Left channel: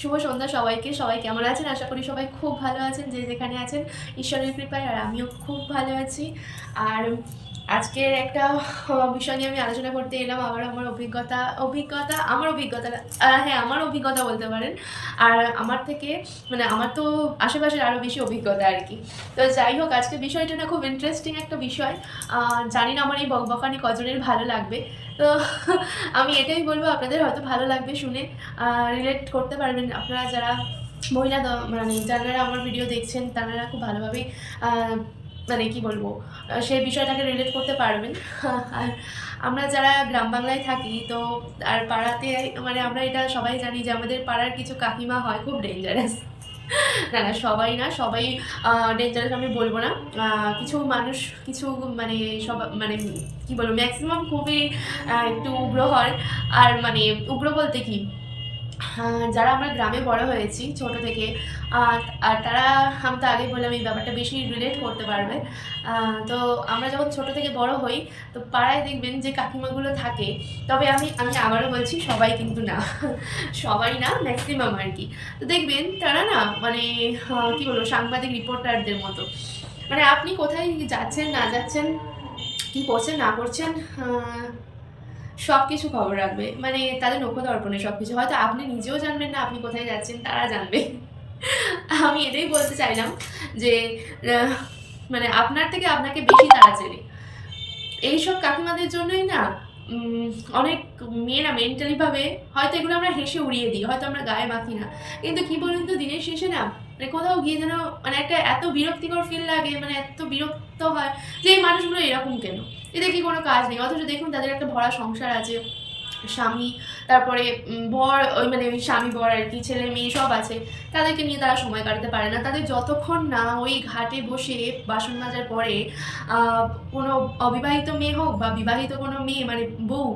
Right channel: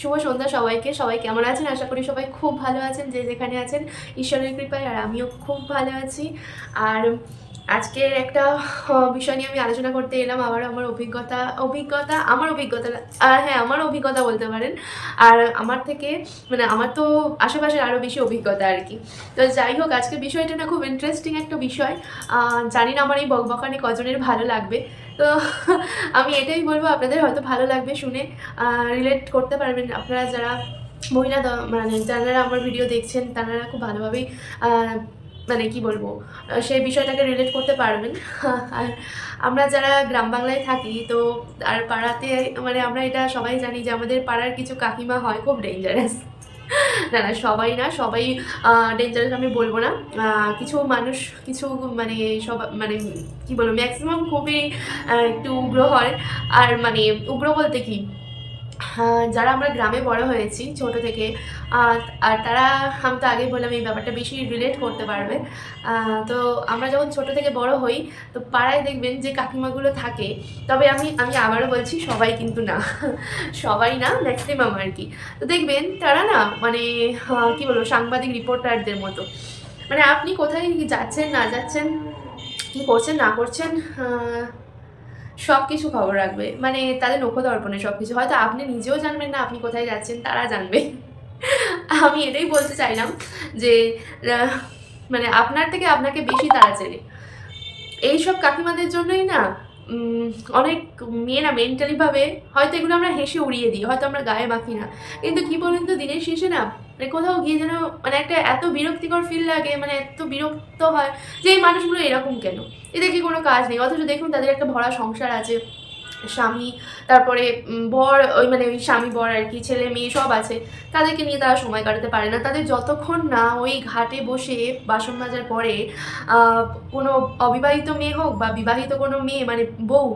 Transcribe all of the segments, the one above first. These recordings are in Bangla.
শুভ সন্ধ্যা সবাইকে। সবাই কেমন আছেন? আশা করি সবাই খুব ভালো আছেন, যে যেখানে আছেন ঈশ্বরের কৃপায়। আর আমিও খুব ভালো আছি। আর আজকে একটা বিষয় নিয়ে আমি আলোচনা করতে এলাম। আবার আমার অভিজ্ঞতা হ্যাঁ, আমার অভিজ্ঞতা বলতে পারেন। আর আমার থেকে মানে আমার তো আশেপাশের আরও বেশি অভিজ্ঞতা আরকি। তো যাই হোক, আজকের বিষয়টা না খুব ইন্টারেস্টিং একটা বিষয়। জানি না আমার এই বকবকানি কজনের ভালো লাগবে। তো আমি এটাই বলব, আপনাদের হয়তো ভালো লাগবে শুনে, রিলেট করতে পারবেন আপনারা যারা মহিলা মানে যারা আমার ভিডিও দেখছেন তারা খুব ভালোভাবেই মানে কি বলবো, সেই বিষয়টাকে রিলেট করতে পারবেন। আর আমরা যারা গ্রাম বাংলায় থাকি, তো আর পাড়াতে মানে আমরা এটা সবাই জানি যে আমাদের পাড়ার কিছু কাকিমা হয় খুব ডেঞ্জারাস। না, না, সবাই না, সবাই ডেঞ্জারাস আমি বলব না। কিছু মানুষ, কিছু মানে মানে কি বলবো, ম্যাক্সিমাম খুবই একটু উগ্র হয়। আর মানে উগ্র বলতে কি, যারা আমরা গ্রামে বড় হয়েছি ছোট থেকে, আর তারা, আমি তো আগেই বললাম এই ব্যাপারটা বেশি রিলেট করতে পারবে। তো আমরা যখন ছোট থেকে বড় হই, তো পাড়ায় দেখবেন যে কাকিমাগুলো থাকে। তবে আমি আমি আবারও বলছি, সবাই কিন্তু না। সবাই না, ম্যাক্সিমাম আর কি। তো দেখবেন তারা না মানে কি বলবো, সাংবাদিক রিপোর্টারদের মতো। মানে আপনি কোথায় যাচ্ছেন না যাচ্ছেন, কি করছেন না করছেন, সব কিছু খবর রাখবে। মানে তাদের নখদর্পণে সব কিছু। হয়তো আপনি নিজেও জানবেন না আপনি কোথায় যাচ্ছেন, তারা জানবে। আমি এটাই বলতে চাইলাম যে আহ, মানে আপনার থেকে আপনাকে বেশি তারা চেনে। এইসব কাকিমাদের জন্যই না উম, অনেক মেয়েরা মেন্টালিভাবে, হয়তো এগুলো আমরা হেসে উড়িয়ে দিই, হয়তো আমরা গায়ে মাখি না, কিন্তু কি বলেন তো, দিনের শেষে না মানে কোথাও গিয়ে যেন মানে একটা এত বিরক্তিকর ফিল লাগে, মানে এত বিরক্ত হয় যে এই মানুষগুলো এরকম কেন, এদের কি কোনো কাজ নেই? অথচ দেখুন তাদের একটা ভরা সংসার আছে, স্বামী, তারপরে বর, ওই মানে ওই স্বামী বর আর কি, ছেলে মেয়ে সব আছে। তাদেরকে নিয়ে তারা সময় কাটাতে পারে না। তাদের যতক্ষণ না ওই ঘাটে বসে বাসন মাজার পরে আহ, কোনো অবিবাহিত মেয়ে হোক বা বিবাহিত কোনো মেয়ে মানে বউ,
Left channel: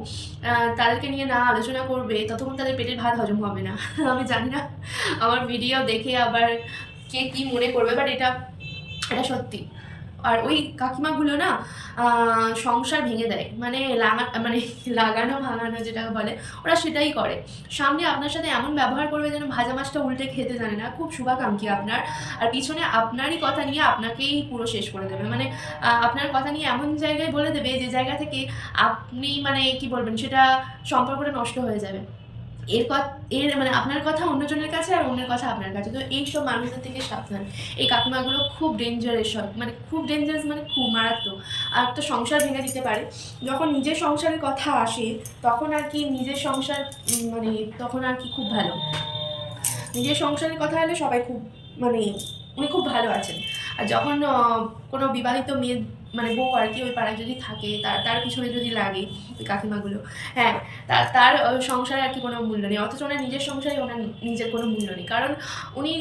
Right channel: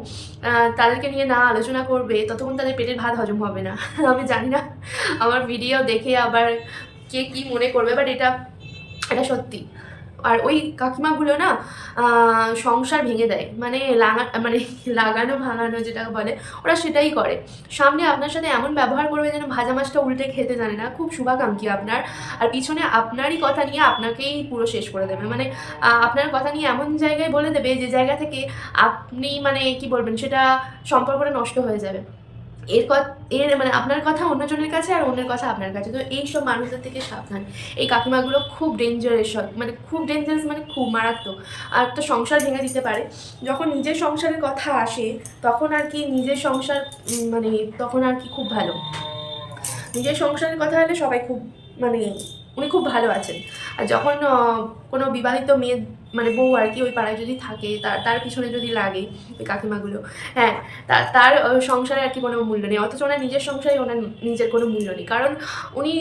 তাদেরকে নিয়ে না আলোচনা করবে, ততক্ষণ তাদের পেটের ভাত হজম হবে না। আমি জানি না আমার ভিডিও দেখে আবার কে কী মনে করবে, বাট এটা এটা সত্যি। আর ওই কাকিমাগুলো না সংসার ভেঙে দেয়, মানে মানে লাগানো ভাঙানো যেটা বলে, ওরা সেটাই করে। সামনে আপনার সাথে এমন ব্যবহার করবে যেন ভাজা মাছটা উল্টে খেতে জানে না, খুব শুভাকাঙ্ক্ষী আপনার। আর পিছনে আপনারই কথা নিয়ে আপনাকেই পুরো শেষ করে দেবে। মানে আপনার কথা নিয়ে এমন জায়গায় বলে দেবে যে জায়গা থেকে আপনি মানে কি বলবেন, সেটা সম্পর্কটা নষ্ট হয়ে যাবে। এর এর মানে আপনার কথা অন্যজনের কাছে আর অন্যের কথা আপনার কাছে। তো এইসব মানুষদের থেকে সাবধান। এই কাকিমাগুলো খুব ডেঞ্জারাস, মানে খুব ডেঞ্জারাস, মানে খুব মারাত্মক। আর তো সংসার ভেঙে দিতে পারে। যখন নিজের সংসারের কথা আসে, তখন আর কি নিজের সংসার মানে তখন আর কি খুব ভালো। নিজের সংসারের কথা হলে সবাই খুব মানে উনি খুব ভালো আছেন। আর যখন কোনো বিবাহিত মেয়ে মানে বউ আর কি ওই পাড়ায় যদি থাকে, তার তার পিছনে যদি লাগে ওই কাকিমাগুলো, হ্যাঁ, তার তার সংসারে আর কি কোনো মূল্য নেই। অথচ ওনার নিজের সংসারে ওনার নিজের কোনো মূল্য নেই। কারণ উনি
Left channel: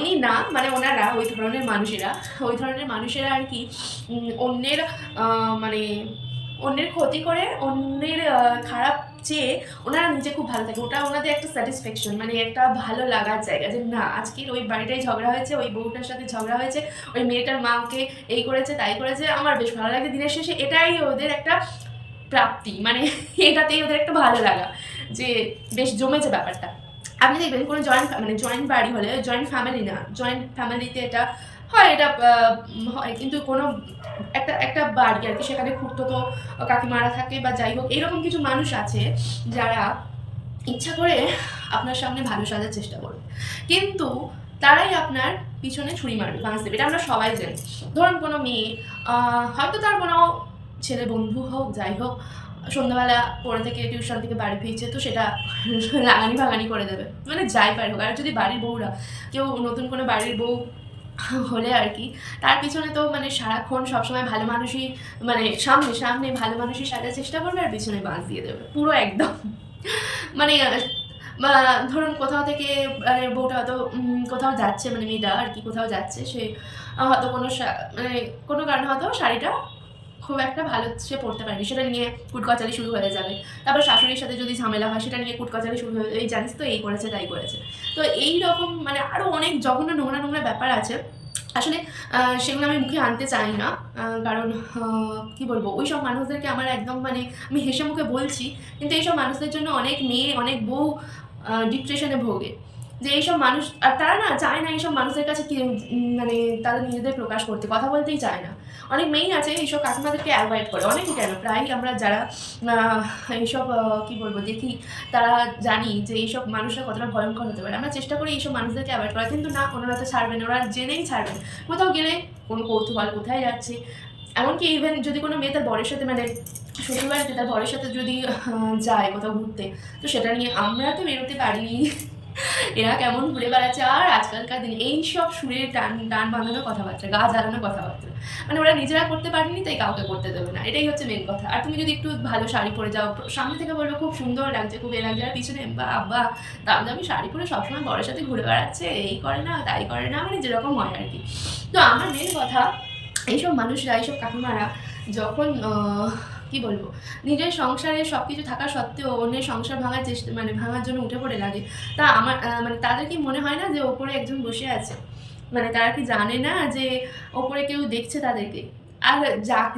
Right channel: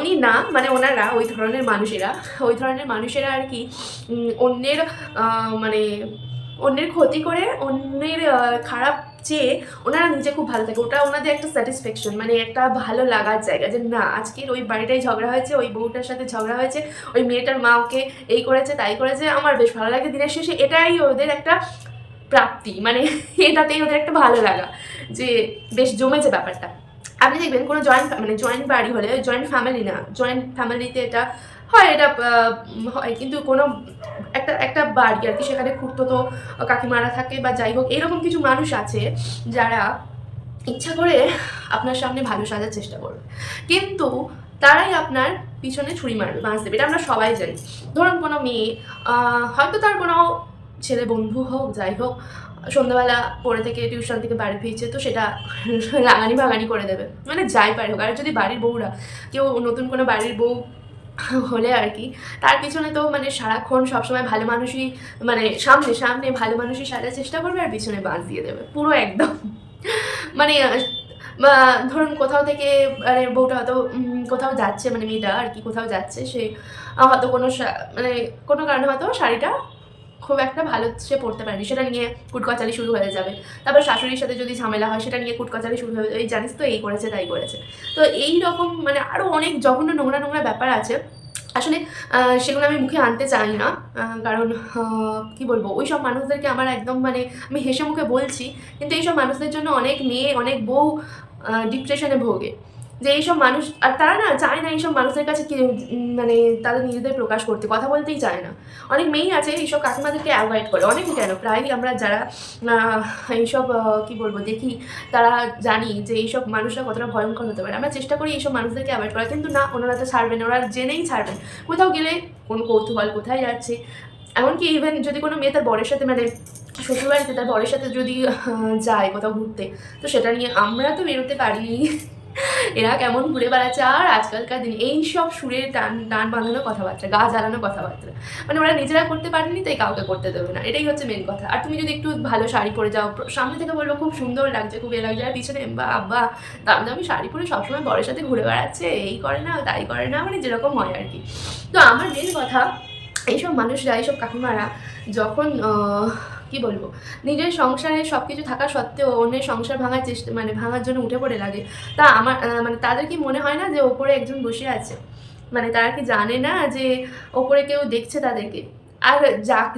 উনি না, মানে ওনারা ওই ধরনের মানুষেরা আর কি অন্যের মানে অন্যের ক্ষতি করে, অন্যের খারাপ চেয়ে ওনারা নিজে খুব ভালো থাকে। ওটা ওনাদের একটা স্যাটিসফ্যাকশন, মানে একটা ভালো লাগার জায়গা, যে না আজকের ওই বাড়িটাই ঝগড়া হয়েছে, ওই বউটার সাথে ঝগড়া হয়েছে, ওই মেয়েটার মা ওকে এই করেছে তাই করেছে, আমার বেশ ভালো লাগে। দিনের শেষে এটাই ওদের একটা প্রাপ্তি, মানে এটাতেই ওদের একটা ভালো লাগা, যে বেশ জমেছে ব্যাপারটা। আপনি দেখবেন কোনো জয়েন্ট বাড়ি হলে, জয়েন্ট ফ্যামিলি না, জয়েন্ট ফ্যামিলিতে এটা হয়, এটা হয়, কিন্তু কোনো একটা একটা বাড়ি আর কি, সেখানে খুঁড়তো কাকিমারা থাকে বা যাই হোক, এইরকম কিছু মানুষ আছে যারা ইচ্ছা করে আপনার সামনে ভালো সাজার চেষ্টা করবে, কিন্তু তারাই আপনার পিছনে ছুরি মারবে, বাঁশ দেবে। এটা আমরা সবাই জানি। ধরুন কোনো মেয়ে, হয়তো তার কোনো ছেলে বন্ধু হোক যাই হোক, সন্ধ্যাবেলা পড়ে থেকে টিউশন থেকে বাড়ি ফিরছে, তো সেটা রাগানি ভাগানি করে দেবে, মানে যাই পারে হোক। আর যদি বাড়ির বউরা, কেউ নতুন কোনো বাড়ির বউ হলে আর কি, তার পিছনে তো মানে সারাক্ষণ সবসময় ভালো মানুষই, মানে সামনে সামনে ভালো মানুষই সাজার চেষ্টা করবে, আর পিছনে বাঁশ দিয়ে দেবে পুরো একদম। মানে বা ধরুন কোথাও থেকে মানে বউটা হয়তো কোথাও যাচ্ছে, মানে মেয়েটা আর কি কোথাও যাচ্ছে, সে হয়তো কোনো মানে কোনো কারণে হয়তো শাড়িটা খুব একটা ভালো সে পড়তে পারেনি, সেটা নিয়ে কুটকচালি শুরু হয়ে যাবে। তারপর শাশুড়ির সাথে যদি ঝামেলা হয়, সেটা নিয়ে কুটকচালি শুরু হয়ে যাবে, এই জানিস তো এই করেছে তাই করেছে। তো এই রকম মানে আরও অনেক জঘন্য নোংরা নোংরা ব্যাপার আছে। আসলে সেগুলো আমি মুখে আনতে চাই না, কারণ কি বলবো, ওই সব মানুষদেরকে আমার একদম মানে আমি হেসে মুখে বলছি, কিন্তু এইসব মানুষদের জন্য অনেক মেয়ে, অনেক বউ ডিপ্রেশনে ভোগে। যে এইসব মানুষ, আর তারা না চায় না এইসব মানুষের কাছে কি মানে তাদের নিজেদের প্রকাশ করতে, কথা বলতেই চায় না। অনেক মেয়েই আছে এইসব কাকিমাদেরকে অ্যাভয়েড করে, অনেকই কেন প্রায়ই আমরা যারা এইসব কী বলবো দেখি, তারা জানি যে এইসব মানুষরা কতটা ভয়ঙ্কর হতে পারে। আমরা চেষ্টা করি এইসব মানুষদেরকে অ্যাভয়েড করা, কিন্তু না, ওনারা তো ছাড়বেন, ওরা জেনেই ছাড়বেন। কোথাও গেলে কোনো কৌতূহল, কোথায় যাচ্ছে, এমনকি ইভেন যদি কোনো মেয়ে তার বরের সাথে মানে শ্বশুরবাড়িতে তার বরের সাথে যদি যায় কোথাও ঘুরতে, তো সেটা নিয়ে আমরা তো বেরোতে পারিনি, এরা কেমন ঘুরে বেড়াচ্ছে। আর আজকালকার দিনে এইসব সুরের টান টান বাঁধানো কথাবার্তা, গা জ্বালানো কথাবার্তা, মানে ওরা নিজেরা করতে পারেনি তাই কাউকে করতে দেবে না, এটাই হচ্ছে মেন কথা। আর তুমি যদি একটু ভালো শাড়ি পরে যাও, সামনে থেকে বলবো খুব সুন্দর লাগছে, খুব এ লাগছে, আর পিছনে বা আব্বা দামি দামি শাড়ি পরে সবসময় বরের সাথে ঘুরে বেড়াচ্ছে, এই করে না তাই করে না, মানে যেরকম হয় আর কি। তো আমার মেন কথা, এইসব মানুষরা, এইসব কাকিমারা যখন কি বলবো, নিজের সংসারে সব কিছু থাকা সত্ত্বেও অন্যের সংসার ভাঙার চেষ্টা মানে ভাঙার জন্য উঠে পড়ে লাগে, তা আমার মানে তাদের কি মনে হয় না যে ওপরে একজন বসে আছে? মানে তারা কি জানে না যে ওপরে কেউ দেখছে তাদেরকে? আর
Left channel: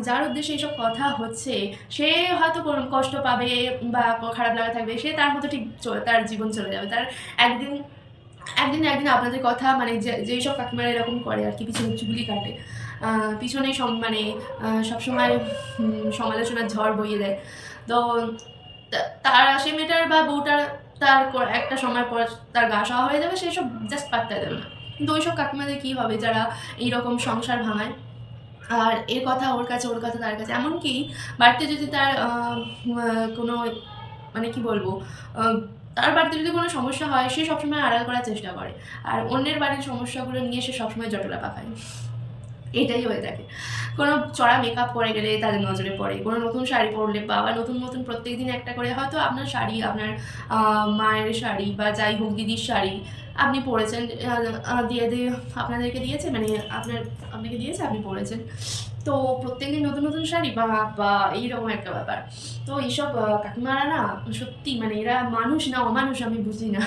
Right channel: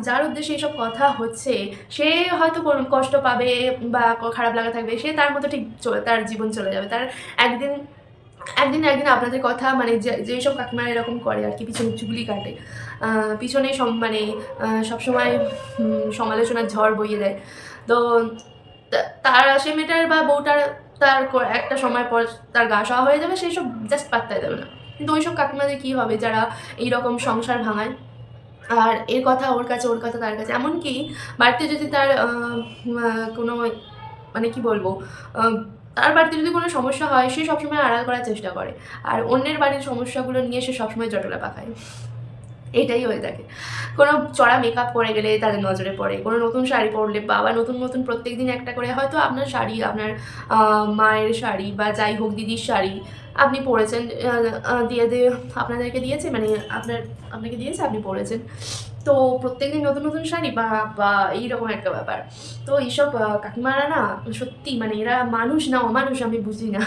যার উদ্দেশ্যে এইসব কথা হচ্ছে, সে হয়তো কোনো কষ্ট পাবে বা খারাপ লাগা থাকবে, সে তার মতো ঠিক তার জীবন চলে যাবে। তার একদিন একদিন না একদিন আপনাদের কথা মানে যেইসব কাকিমারা এরকম করে আর কি, পিছনে চুগলি কাটে, পিছনেই মানে সবসময় সমালোচনার ঝড় বইয়ে দেয়। তো তার সে মেয়েটার বা বউটার তার একটা সময় পর তার গা সওয়া হয়ে যাবে, সেই সব জাস্ট পাত্তাই দেবে না। কিন্তু ওইসব কাকিমাদের কী হবে যারা এইরকম সংসার ভাঙায়, আর এর কথা ওর কাছে, ওর কথা তার কাছে, এমনকি বাড়িতে যদি তার কোনো মানে কি বলবো, তার বাড়িতে যদি কোনো সমস্যা হয়, সে সবসময় আড়াল করার চেষ্টা করে, আর অন্যের বাড়ির সমস্যাগুলো নিয়ে সে সবসময় জটলা পাকায়। এটাই হয়ে থাকে। কোনো চড়া মেকআপ করে গেলে তাদের নজরে পড়ে, কোনো নতুন শাড়ি পরলে বাবা নতুন নতুন প্রত্যেকদিন একটা করে, হয়তো আপনার শাড়ি, আপনার মায়ের শাড়ি বা যাই হোক দিদির শাড়ি আপনি পরেছেন, দিয়ে আপনাদেরকে দিয়েছে, মানে আপনাকে দিয়েছে, আপনি পরেছেন। তো প্রত্যেকদিন নতুন নতুন শাড়ি বা এইরকম একটা ব্যাপার। তো এইসব কাকিমারা না সত্যি মানে এরা মানুষ না অমানুষ আমি বুঝি না।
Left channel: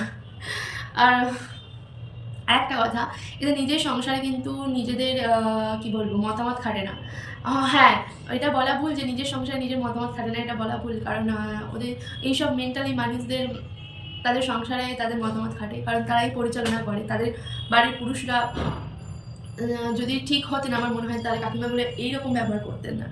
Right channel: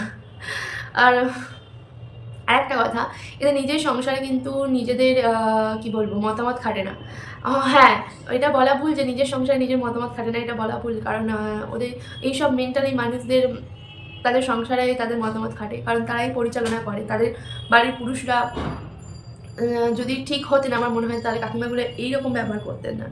আর আরেকটা কথা, এদের নিজের সংসারে কিন্তু নিজেদের কি বলবো মতামত খাটে না। হ্যাঁ, এটা বলা ভুল যে নিজের সংসারে নিজের মতামত খাটে না, এটা বলা ভুল। কারণ ওদের এইসব মেন্টালি মানুষদের তাদের সংসারে তাদের মতামত খাটে, কারণ তারাই পরিচালনা করে। তাদের বাড়ির পুরুষরা যদি ঠিক হতেন, আমার মনে হয় তাহলে কাকিমাগুলো এইরকম ব্যবহার করতেন না।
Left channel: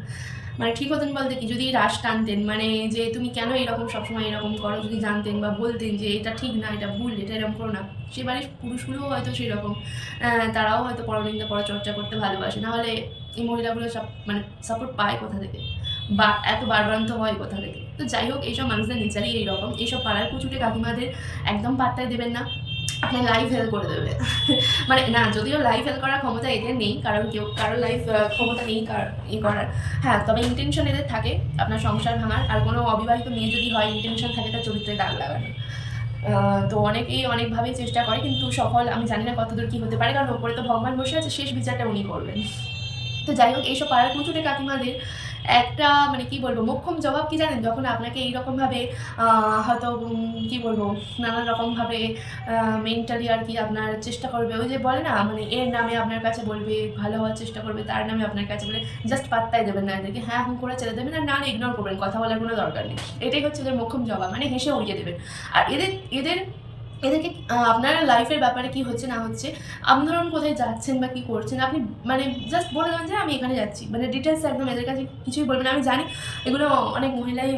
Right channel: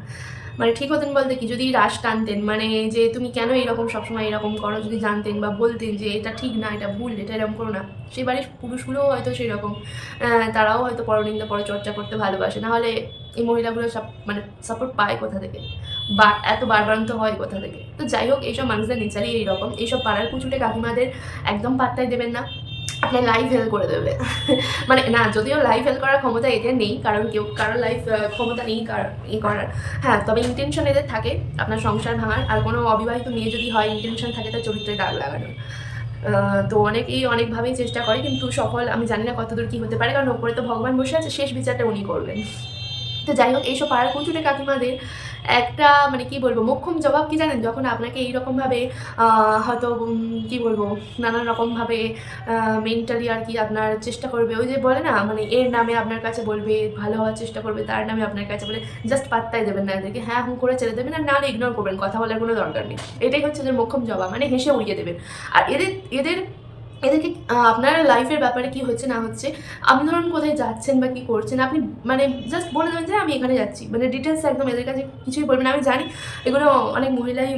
মানে ঠিক হতেন বলতে কি, যদি রাশ টানতেন, মানে যে তুমি কেন এইরকম সবসময় এরকম করো, যদি জানতেন বা বলতেন যে এটা ঠিক না, এটা ভুল, এটা এরকম করো না, সেই বাড়ির পুরুষগুলোও হয়তো সেই রকম, তারাও হয়তো পরনিন্দা পরচর্চা করতে ভালোবাসে। নাহলে এই মহিলাগুলো সব মানে সাপোর্ট পায় কোথা থেকে, বা এত বারবারন্ত হয় কোথা থেকে? তো যাই হোক, এইসব মানুষদের নেচারই এইরকম। এইসব পাড়ার কুচুটে কাকিমাদের একদম পাত্তাই দেবেন না, আপনার লাইফ হেল করে দেবে। মানে না, যদিও লাইফ হেল করার ক্ষমতা এদের নেই, কারণ কারোর লাইফ ক্ষমতা নেই করার। হ্যাঁ, তবে ইন্টেনশন এদের থাকে আপনার সংসার ভাঙার। আর কোনো অবিবাহিত মেয়ে যদি হয়, ইন্টেনশন থাকে তার চরিত্রে দাগ লাগানোর। তো অনেকেই অনেকভাবেই চেষ্টা করে, কিন্তু সফল আমি জানি না কতদূর কী হতে পারে, কারণ ওপরে তো ভগবান বসে আছে, শেষ বিচারটা উনি করবেন। তো যাই হোক, এইসব পাড়ার কুতুরে কাকিমাদের একটা মানে কি বলবো মোক্ষম জবাব কি জানেন? যখন আপনাকে এইরকমভাবে হয়তো কি বলবো নানান রকমভাবে মেন্টালি আর কি আপনার চেষ্টা করবে, ওই যে বলে না মানে এর নামে আপনার কাছে বলবে, ভালো হওয়ার চেষ্টা করবে, তার নামে আপনার কাছে বলে, জাস্ট পাত্তাই দেবেন না এদেরকে, হ্যাঁ হুঁ করে ছেড়ে দেবেন, আর না ইগনোর করবেন, কথা বলার কোনো দরকার নেই। এটাই হচ্ছে এদের মোক্ষম জবাব, মানে হেসে উড়িয়ে দেবেন। আর এদেরকে আপনার লাইফের ব্যাপারে কি হচ্ছে না হচ্ছে, আপনি ধরুন কোথায় যাচ্ছেন বা কী করছেন, আপনি মানে জাস্ট বলে দেন যে আমি এখানে যাচ্ছি, মানে ডিটেলস একদম এদের কাছে কিছুই বলবেন। আমি জানি এগুলো অনেক মহিলাই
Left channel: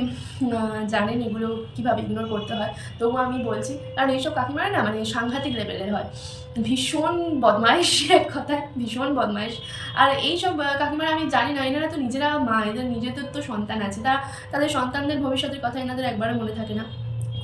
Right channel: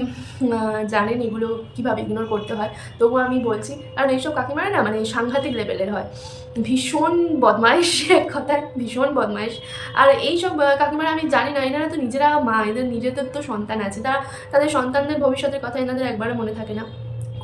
জানেন এগুলো কীভাবে ইগনোর করতে হয়, তবুও আমি বলছি, কারণ এইসব কাকিমারা না মানে সাংঘাতিক লেভেলের হয়, ভীষণ বদমাইশ, এক কথায় ভীষণ বদমাইশ। আর এইসব কাকিমারা আমি জানি না, এনারা তো নিজেরা মা, এদের নিজেদের তো সন্তান আছে, তাদের সন্তানদের ভবিষ্যতের কথা এনাদের একবারও মনে থাকে না।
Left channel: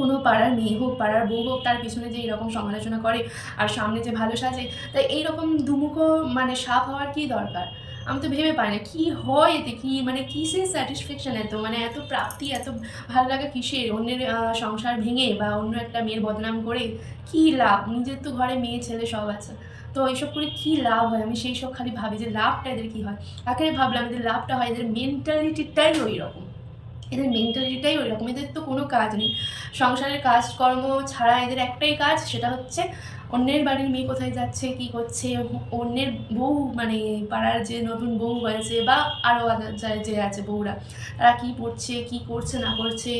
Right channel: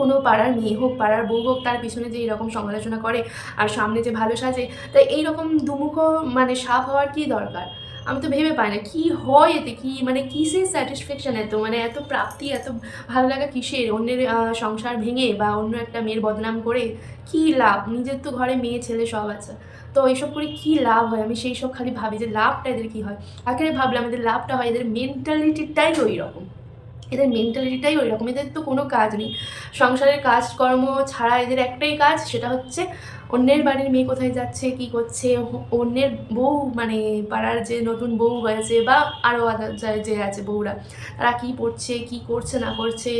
কোনো পাড়ার মেয়ে হোক, পাড়ার বউ হোক, তার পিছনে যে এরকম সমালোচনা করে আর সামনে যে ভালো সাজে, তাই এইরকম দুমুখো মানে সাপ হওয়ার কী দরকার? আমি তো ভেবে পাই না কী হয় এতে, কী মানে কিসের স্যাটিসফ্যাকশান এত, মানে এত প্রাপ্তি, এত ভালো লাগা কিসের? অন্যের সংসার ভেঙে বা অন্য একটা মেয়ের বদনাম করে কী লাভ? নিজের তো ঘরে মেয়ে ছেলে সব আছে, তো এইসব করে কী লাভ হয়? আমি সেই সব খালি ভাবি যে লাভটা এদের কী হয়? আখেরে ভাবলাম এদের লাভটা হয় এদের মেন্টালিটিটাই ওই রকম, এদের মেন্টালিটিটাই ওই রকম, এদের তো কোনো কাজ নেই সংসারের কাজকর্ম ছাড়া, এদের একটাই কাজ, সেটা হচ্ছে অন্যের বাড়ির মেয়ে কোথায় যাচ্ছে, কী করছে, অন্যের বউ মানে পাড়ার যে নতুন বউ হয়েছে বা আরও আদার যে আছে বউরা, তারা কী পড়ছে, কী করছে না করছে,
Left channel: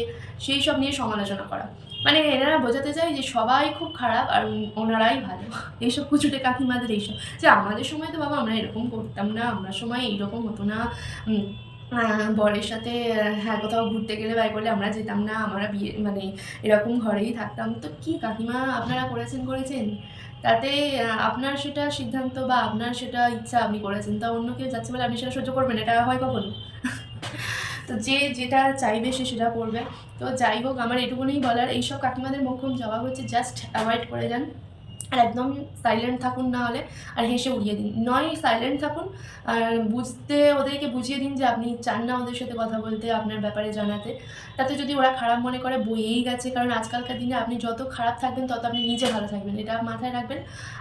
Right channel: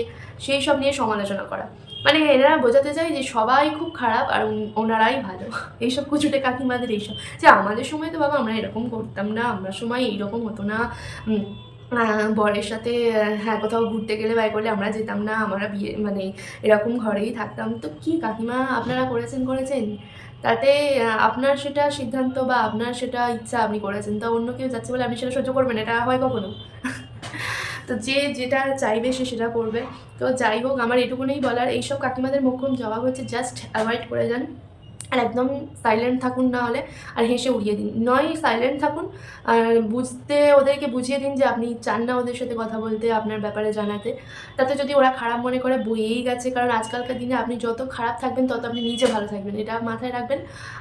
সেই সব নিয়ে সমালোচনা করা। মানে এনারা বোঝাতে চায় যে সবাই খুব খারাপ আর ওনারাই ভালো। এইসব কুচুটে কাকিমাদের এইসব, যে আমাদের সময় তো বাবা আমরা এরকম করতাম না, আমরা সময় এইরকম হতো না। বরের সাথে হ্যাঁ কোথাও ঘুরতে গেলে বাই করলে আমরা যেতাম না, আমরা বিয়ে মানে এরকম ঘরেই থাকতাম। তো কি কাকিমা আপনারা করেছেন, তাতে আপনার সেটা সিদ্ধান্ত বা আপনার সেটা ইচ্ছা আপনি করেছেন, তা অন্য কেউ যাচ্ছে বলে আপনি সেটা সহ্য করবেন? এটা হয় কখনো? তো যে যেটা চাইবে সে সেটা করবে। তো যাই হোক, আমার এটুকুনই বলার। এইসব কাকিমাদের মোক্ষম জবাব হচ্ছে জাস্ট অ্যাভয়েড করে যান, আর একদম সাইলেন্ট থাকুন, না হলে আর হেসে উড়িয়ে দিন। নয় সাইলেন্ট থাকুন, আর ওদেরকে বুঝিয়ে দিন যে আপনি চান না ওদের সাথে কথা বলতে, আপনার ব্যাপারে জানাতে। তাতে যদি ওরা খারাপ মনে করে বয়েই গেছে, কারণ আজকালকার দিনে আপনি যত খারাপ থাকবেন তত আপনি নিজে ভালো থাকবেন, এটা মাথায় রাখবেন।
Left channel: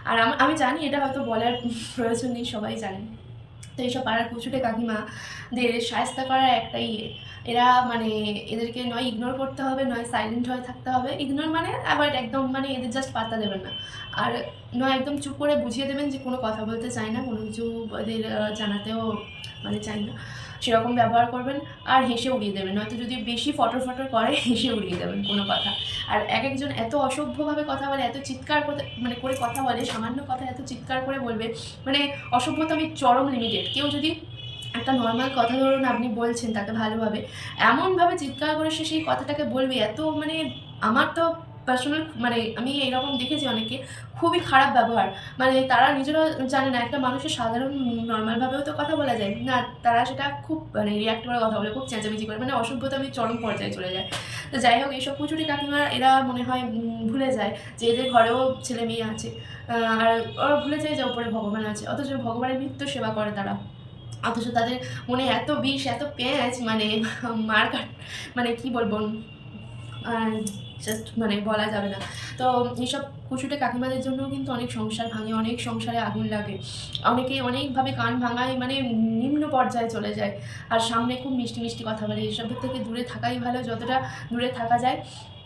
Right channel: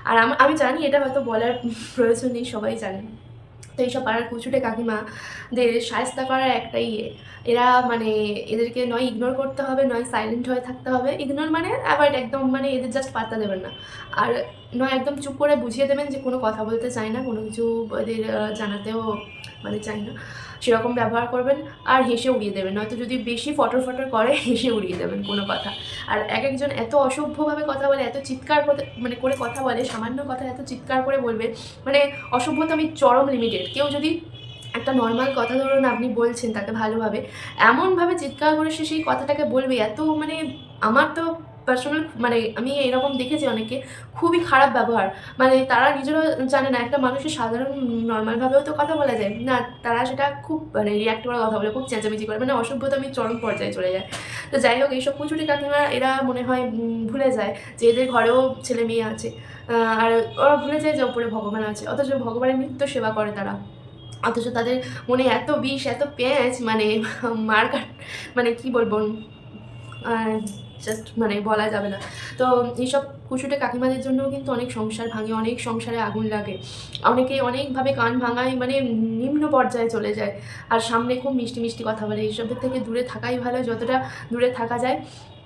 আর আমি জানি এটা হয়তো বলার প্রয়োজন নেই, সবাই জানেন। তো এইসব পাড়ার কুচুটে কাকিমাদের শায়েস্তা করার একটাই এরা মানে এদেরকে নয় ইগনোর করতে হবে, নয় সাইলেন্ট হয়ে থাকতে হবে। ইগনোর মানে অ্যাভয়েড একদম, মানে এদের জাস্ট পাত্তা দেবেন না। আর নয় একদম চুপ করে বুঝিয়ে দেবেন যে কোনো কথা বলতে চাই না, কোনো কিছু এদের জানাতেও মানে চাই না, সেরকম ব্যবহার করবেন। আর হেসে উড়িয়ে দেবেন, নয়তো যদি বেশি ফটর ফটর করে হেসে উড়িয়ে দেবেন কোনো কথা। আর এক একজন এত অসভ্যভাবে কথা বলে, এত চিৎকার করতে মানে করে কথা বলে, সামান্য কথা এত চিৎকার করে বলবে, মানে অসভ্যতা আমি চরম লিমিটেড। কেউ যদি একটা নর্মাল কথা ধরুন আপনি বলছেন তাকে ভালোভাবে, এমনভাবে চিৎকার করে সে সেই কথাটাকে বলবে, এত মানে আমার তো পার্সোনাল মানে আমি এরকম দেখেছি অনেকে, খুবই খারাপ ব্যবহার। মানে তারা নিজেরা জানে না একটা মানুষের সাধারণ নর্মালভাবেও তো কথা বলা যায় না, তারা সেটা খুব মানে রিয়াক্ট করে কথা বলে, খুব চেঁচামেচি করে, মানে অসভ্যতা আমি চরম পর্যায়ে চলে যায়। তো যাই হোক, এইসব কুচুরি কাকিমা এরা মনে হয় ভুলে যায় যে এদের ঘরেও ছেলে মেয়ে আছে, আর ওরা ভুলে যায় যে ওপরে ভগবান আছে, অথচ ভগবানের নিত্য সেবা করে তারা। অথচ তাদের মনে এত বিষ, এত পেঁচ, মানে মার কাট, মানে কি বলবো, জাস্ট মানে বলা যাবে না। তো এইসব কুচুটে কাকিমাদের জন্যও কিন্তু অনেক সংসার ভাঙে, অনেক সংসারে আগুন লাগে, অনেকেই অনেকভাবে কান ভাঙায়, মানে নিম্ন পর্যায়ে চলে যায়। আর সামনে খুব মিষ্টি মিষ্টি কথা বলে, এইসবের থেকে দূরে থাকাই ভালো, যতটা দূরে থাকা যায়।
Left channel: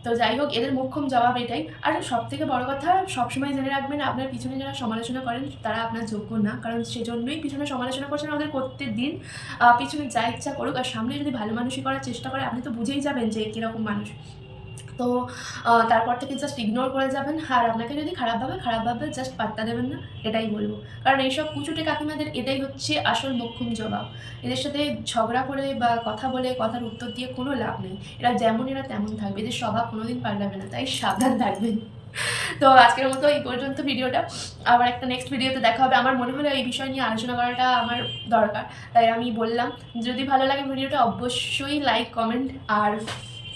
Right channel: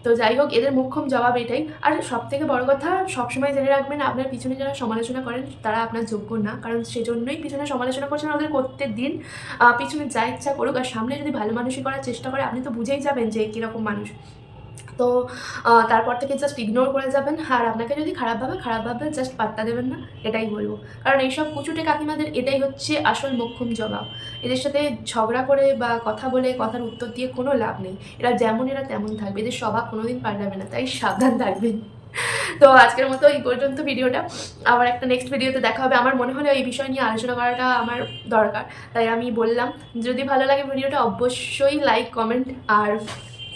তো যাই হোক, এদের মোক্ষম জবাব এটাই। আর সবথেকে বড় কথা, সবসময় জেনে রাখবেন আপনার পিছনে যারা সমালোচনা করেন তারা আপনার যোগ্য না, কারণ সেজন্যই পিছনে সমালোচনা করছেন, ওদের করতে দিন, পিছনে যা ইচ্ছা করুক। আর সামনে যদি ভালো মানুষই করার চেষ্টা করে, আপনি তো বুঝেই যাবেন যে কীরকম মানুষ। তো তারপর থেকে জাস্ট ইগনোর করে যাবেন। আর আপনাকে যদি খারাপ ভাবে জাস্ট পাত্তা দেবেন না, এটাই বলবো। কারণ এইসব কুচুটে কাকিমাদের এটাই হচ্ছে আসল মোক্ষম জবাব। এদের সাথে ঝগড়া করে বা কথা বলে কথার উত্তর দিয়ে কোনো লাভ নেই। এরা যেমন এরা তেমন থাকবে, এদের স্বভাব কোনোদিন পাল্টাবে না, তাই সাবধান থাকবেন। তো আজকের মতো এই পর্যন্ত ভিডিওটা। আবার একটা নেক্সট ভিডিওতে দেখা হবে। আমার মনে হলো এই বিষয় নিয়ে আলোচনা করাটা আমার দরকার, তাই আমি বললাম। যদি ভালো লাগে ভিডিওটা অবশ্যই লাইক, কমেন্ট আর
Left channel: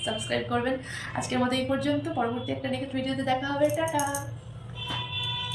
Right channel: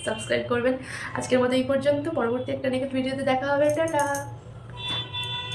সাবস্ক্রাইব করবেন। আজকের মতো এই পর্যন্ত, পরবর্তী একটা নেক্সট ভিডিওতে দেখা হবে। টাটা।